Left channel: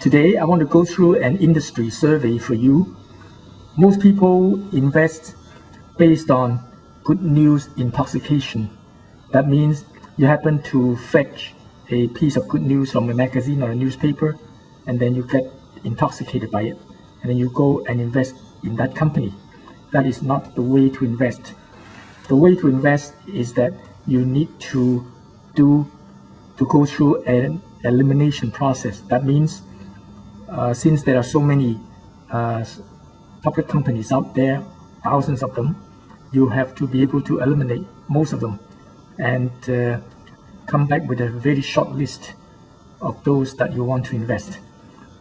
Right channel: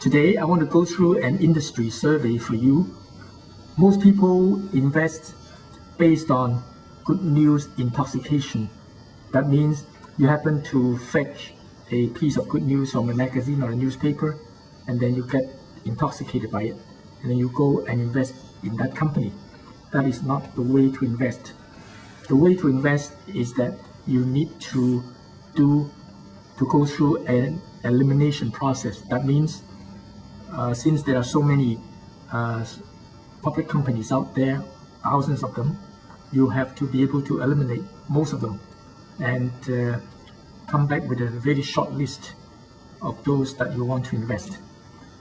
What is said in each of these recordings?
Today, I want to go through an industry survey for you. Most people invest based on good news intoxication. That means you happen to fetch a piece of good news from a magazine or a newspaper, and then you get intoxicated by it, and then you go and invest in that company. That is not the way to invest. The way to invest is that you need to go through an elimination process. That means since there are so many public companies out there, thousands of them, you have to be able to eliminate most of them and come back with a very short list of those that you want to invest.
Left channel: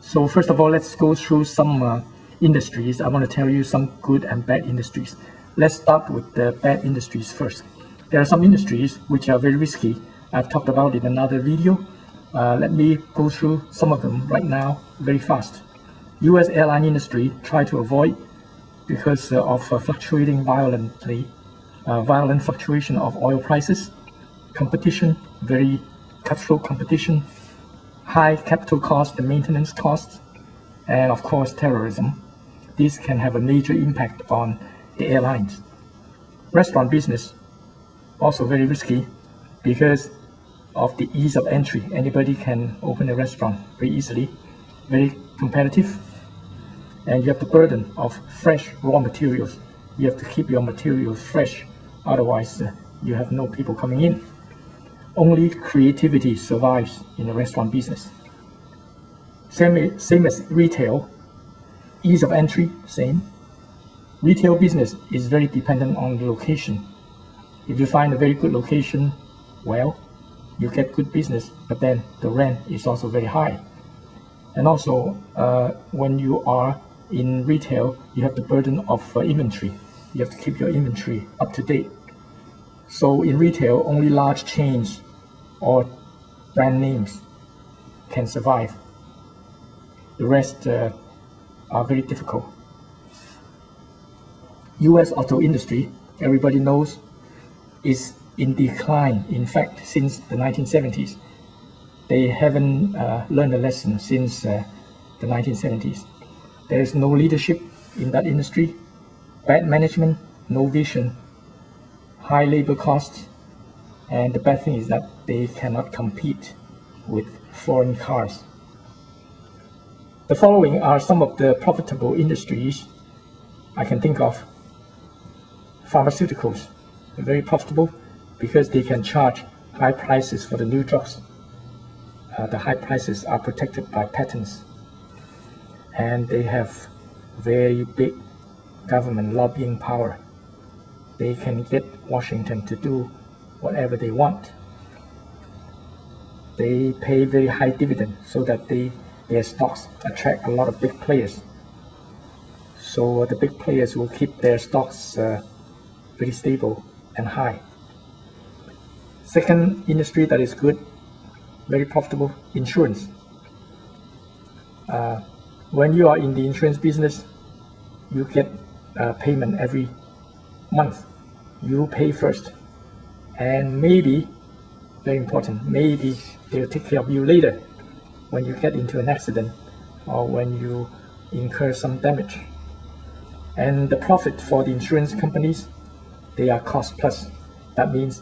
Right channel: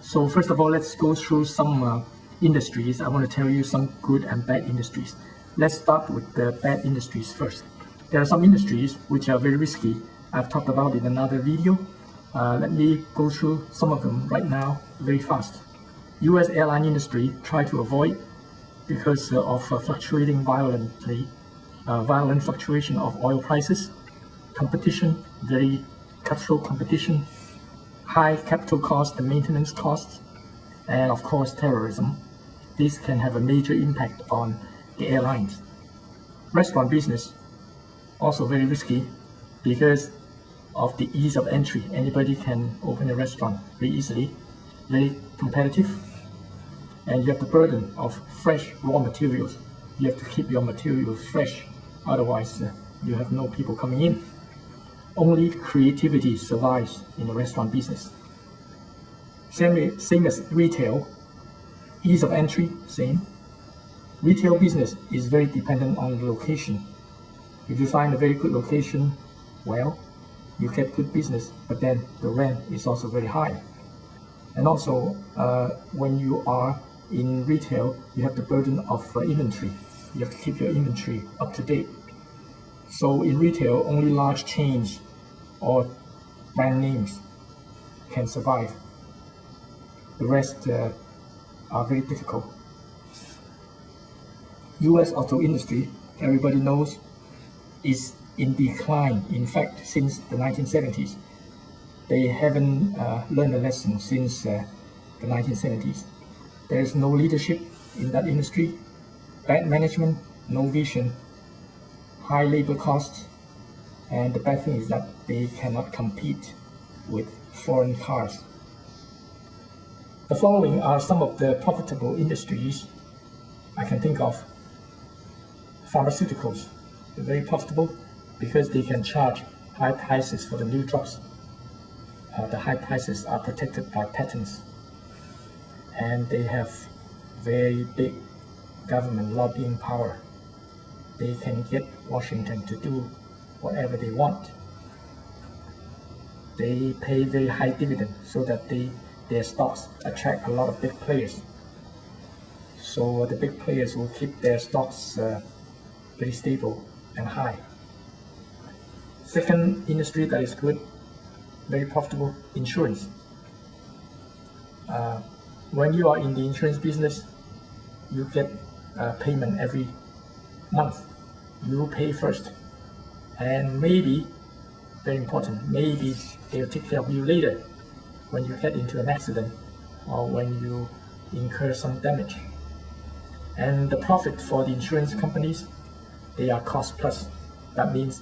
So first of all, let's go through some industries. I want to tell you some good and bad industries. Let's start with the bad industries first. There are some industries which are very risky. I've talked about it in another video. Let me go through some of them right now very fast. US airline industry try to avoid because of fluctuating violent fluctuation of oil prices, competition, very cutthroat competition, high capital cost and maintenance costs, and of course terrorism. This can have a major impact on the airlines. Restaurant business, also very risky because of the ease of entry. Anybody can open a restaurant very easily, very competitive, and you have the burden of fresh raw materials. You have to keep your materials fresh, otherwise you have no people coming in. Only creativity survives in the restaurant business. Same as retail, ease of entry, same. Retail business is very dependent on the location. If you find a very good location, well, you get good business, but then the rent is also very high. And also, when you are in retail, you have the burden of inventory. You have to keep your inventory up to date. So in retail, only large chains or brand names can survive. The rest are very difficult. US auto industry, everybody knows, is in decline. In fact, since the 1970s. They haven't learned a lesson since the 1970s. There is no leadership in that industry, bad management, no vision, high labor costs, and the bad thing is that they cannot compete with foreign cars. The following are some of the profitable industries I can think of. Pharmaceuticals, very profitable because they can charge high prices for the new drugs. The high prices are protected by patents, and they have very big government lobbying power. They can get Washington to do whatever they want. They pay very high dividend so that their stocks attract a lot of big players. So the big players will keep their stocks very stable and high. Second industry that is good, very profitable, insurance. When you are in the insurance business, you get payment every month. You pay first, and maybe, very important, maybe they'll take care of you later when you get into an accident or when you incur some damage. And the profit for the insurance companies, they are cost plus. That means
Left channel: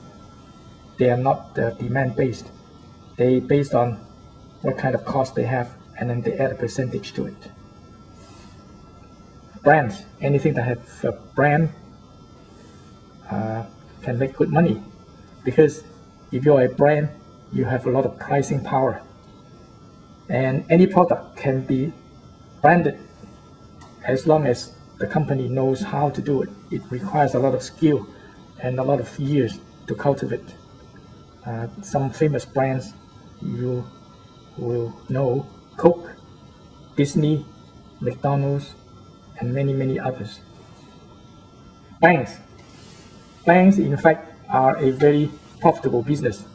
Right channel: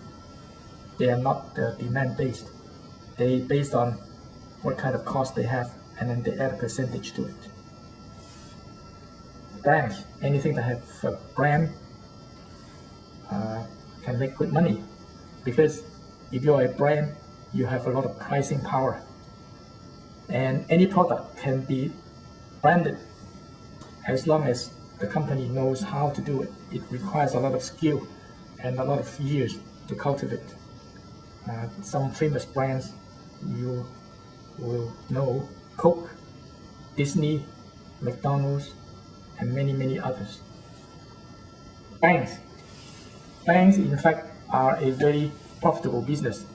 they are not demand based. They based on what kind of cost they have, and then they add a percentage to it. Brands, anything that has a brand can make good money, because if you're a brand, you have a lot of pricing power, and any product can be branded as long as the company knows how to do it. It requires a lot of skill and a lot of years to cultivate. Some famous brands you will know: Coke, Disney, McDonald's, and many, many others. Banks. Banks, in fact, are a very profitable business.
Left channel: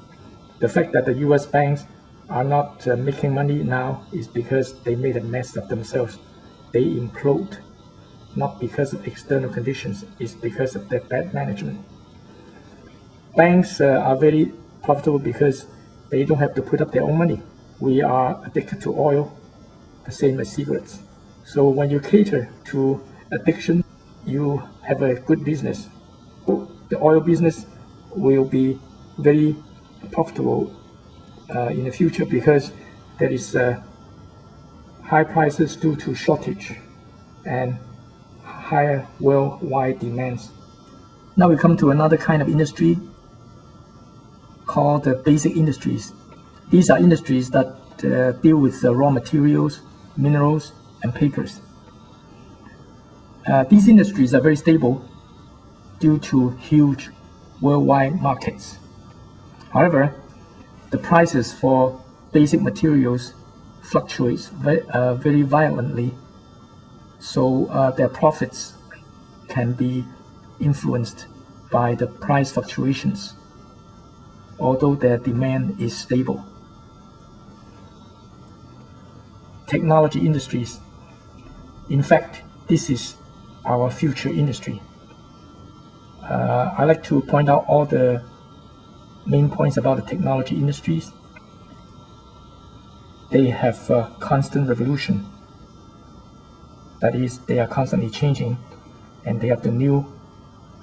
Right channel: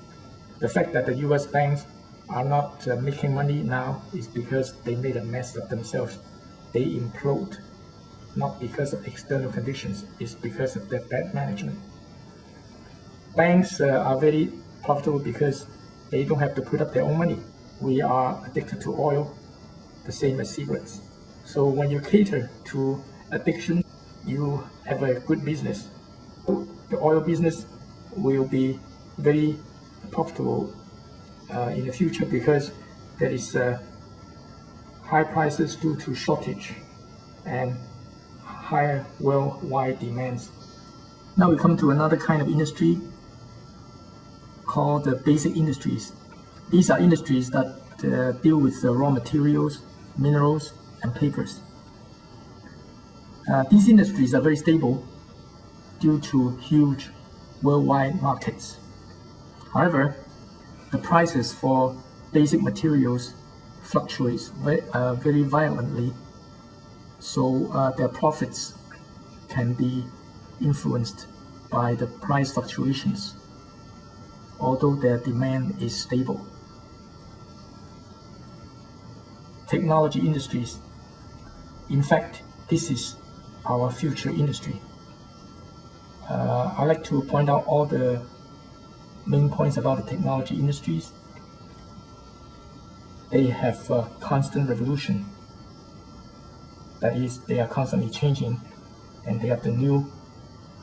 The fact that the US banks are not making money now is because they made a mess of themselves. They implode, not because of external conditions, it's because of their bad management. Banks are very profitable because they don't have to put up their own money. We are addicted to oil, the same as cigarettes. So when you cater to addiction, you have a good business. The oil business will be very profitable in the future because there is high prices due to shortage and higher worldwide demands. Now we come to another kind of industry called the basic industries. These are industries that deal with raw materials, minerals, and papers. These industries are very stable due to huge worldwide markets. However, the prices for basic materials fluctuates very violently, so their profits can be influenced by the price fluctuations, although their demand is stable. Technology industries. In fact, this is our future industry. I like to point out all the main points about the technology industries. They have a constant revolution. That is, they are constantly changing, and they have the new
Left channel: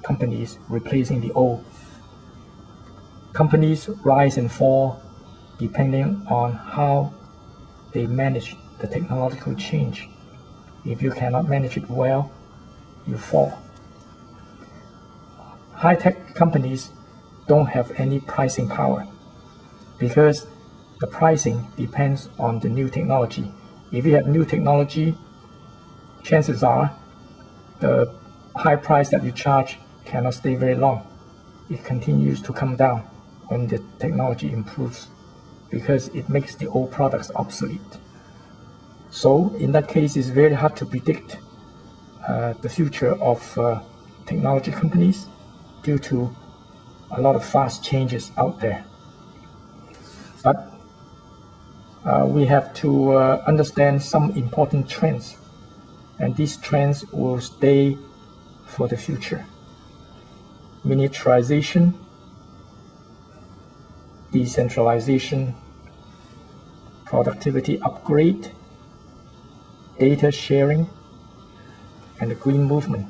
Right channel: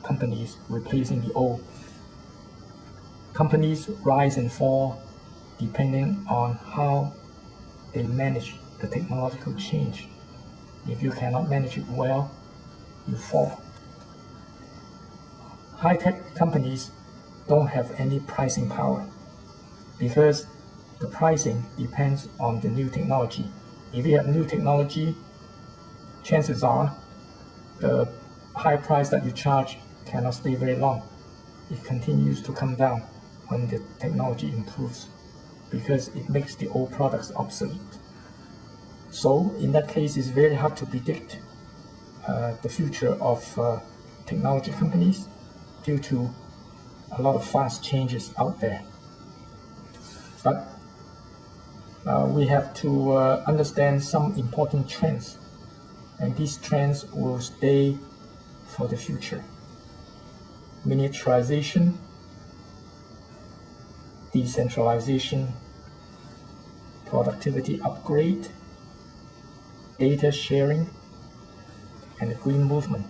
companies replacing the old. Companies rise and fall depending on how they manage the technological change. If you cannot manage it well, you fall. High-tech companies don't have any pricing power because the pricing depends on the new technology. If you have new technology, chances are the high price that you charge cannot stay very long. It continues to come down when the technology improves because it makes the old products obsolete. So in that case, it's very hard to predict the future of technology companies due to a lot of fast changes out there. But we have to understand some important trends, and these trends will stay for the future. Miniaturization, decentralization, productivity upgrade, data sharing, and the green movement.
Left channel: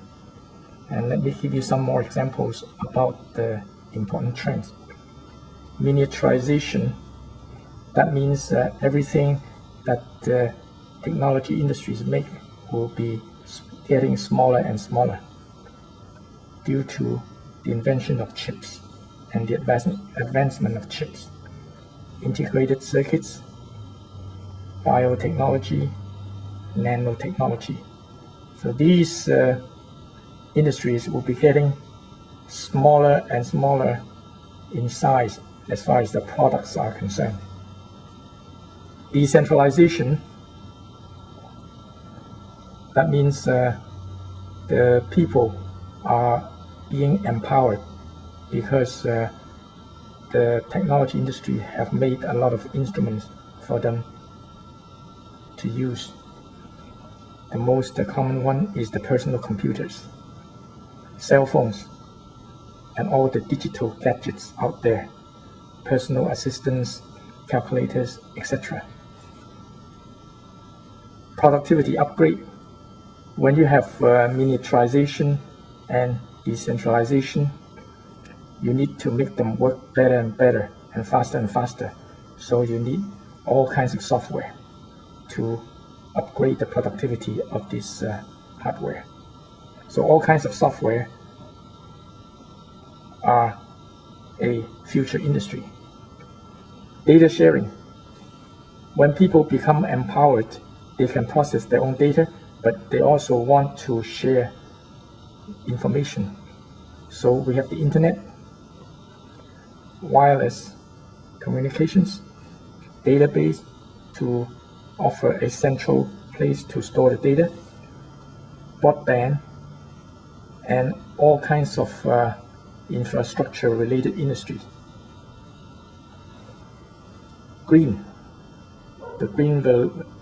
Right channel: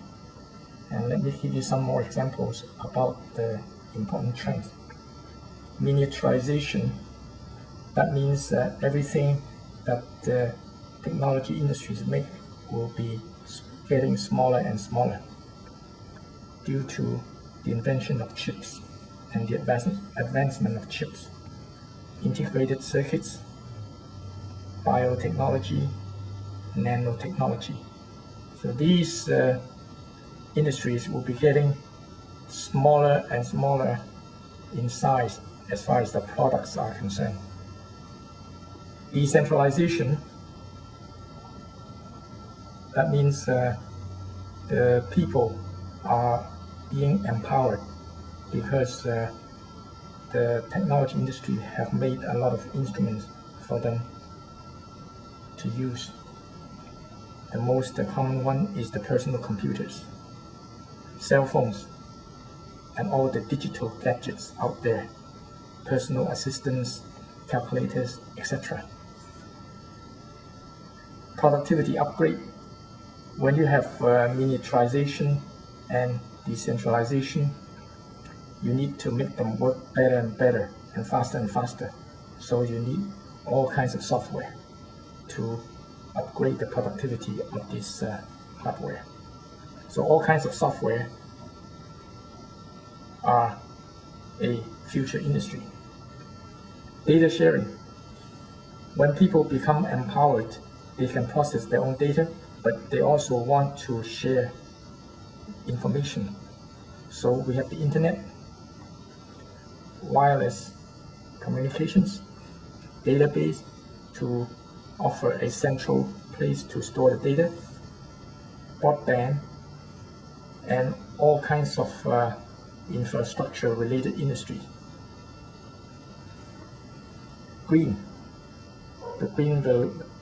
And let me give you some more examples about the important trends. Miniaturization, that means that everything that the technology industries make will be getting smaller and smaller due to the invention of chips and the advancement of chips, integrated circuits, biotechnology, nanotechnology. So these industries will be getting smaller and smaller in size as far as the products are concerned. Decentralization, that means the people are being empowered because the technology industry have made a lot of instruments for them to use. The most common one is the personal computers, cell phones, and all the digital gadgets out there, personal assistants, calculators, etc. Productivity upgrade. When you have miniaturization and decentralization, you need to make them work better and better and faster. So you need all kinds of software to upgrade the productivity of this hardware. So all kinds of software are a future industry. Data sharing. When people become empowered, they can process their own data, but they also want to share information. So we have the internet, wireless communications, database to offer a central place to store the data, broadband, and all kinds of infrastructure related industries. Green. The green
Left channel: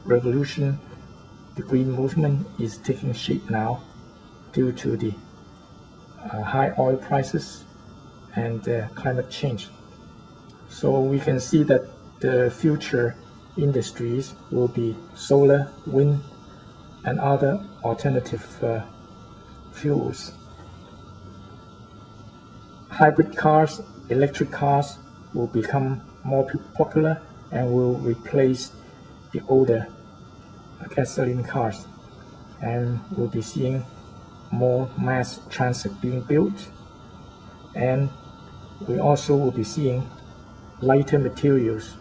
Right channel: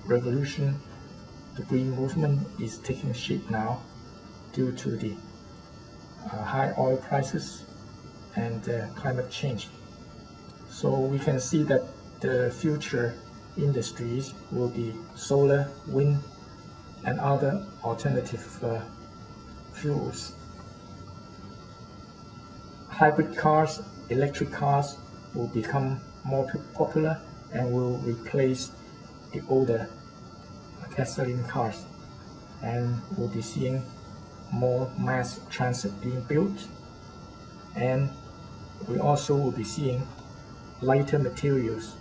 revolution, the green movement is taking shape now due to the high oil prices and climate change. So we can see that the future industries will be solar, wind, and other alternative fuels. Hybrid cars, electric cars will become more popular and will replace the older gasoline cars, and we'll be seeing more mass transit being built, and we also will be seeing lighter materials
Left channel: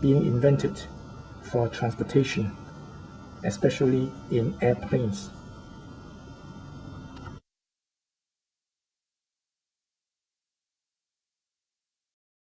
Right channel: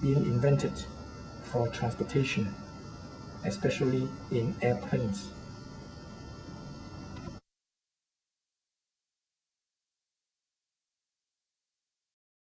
being invented for transportation, especially in airplanes.